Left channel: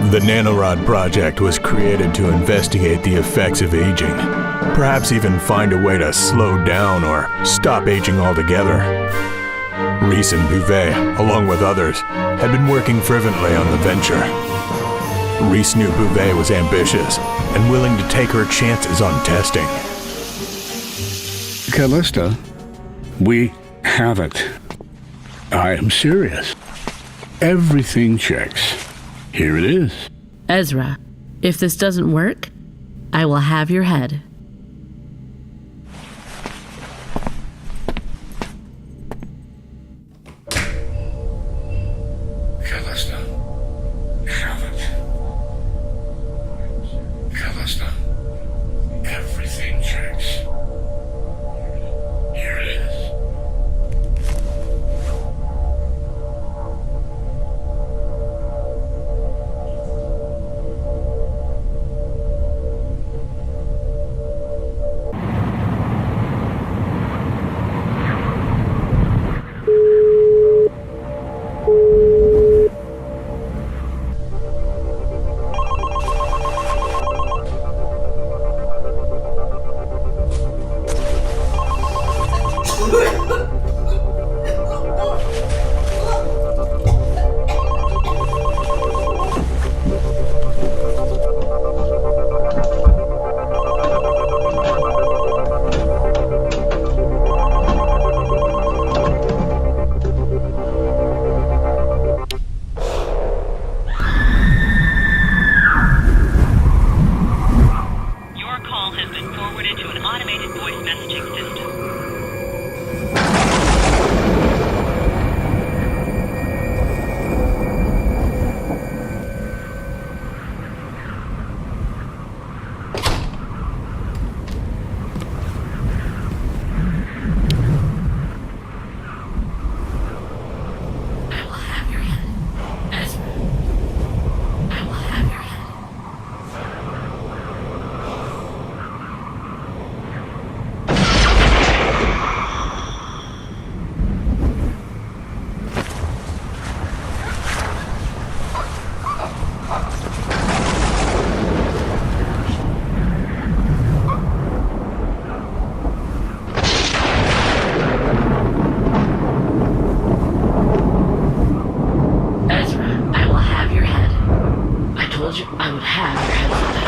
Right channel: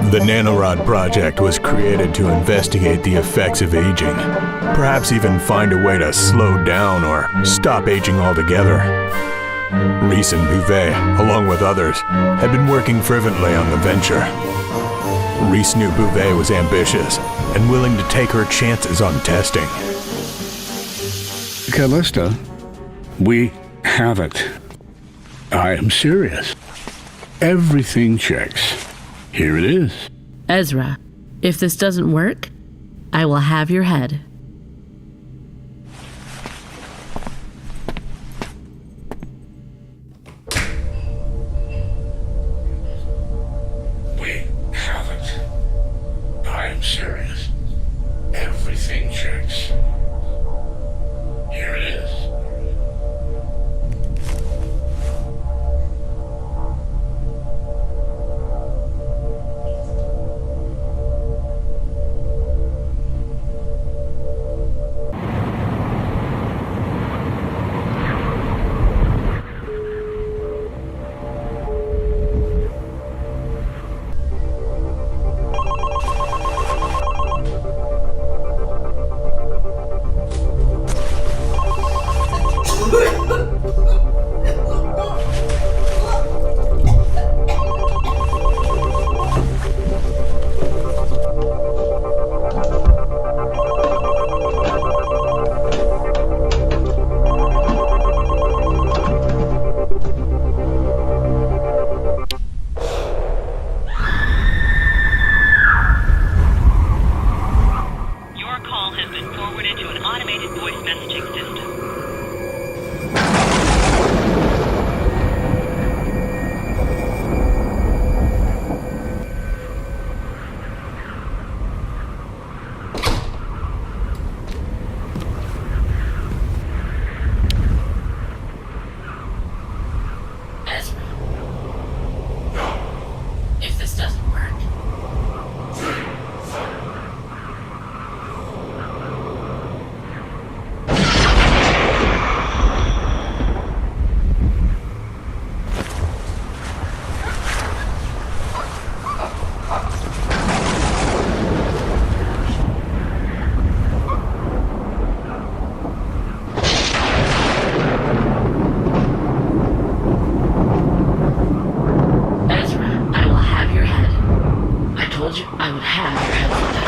The Nanorod project was created to investigate the effects of aging, perhaps even find a way to slow down or stop aging altogether. Reese and Bouvet, along with others, had been working fervently on the venture. Reese knew Bouvet was ambitious and willing to take her chances on testing. Callista, we have it. I am serious. Everything checks. Here it is. Ezra, if this doesn't work, I will have your head. Callista, we have it. I am serious. Callista, everything checks. Here it is. I would have your head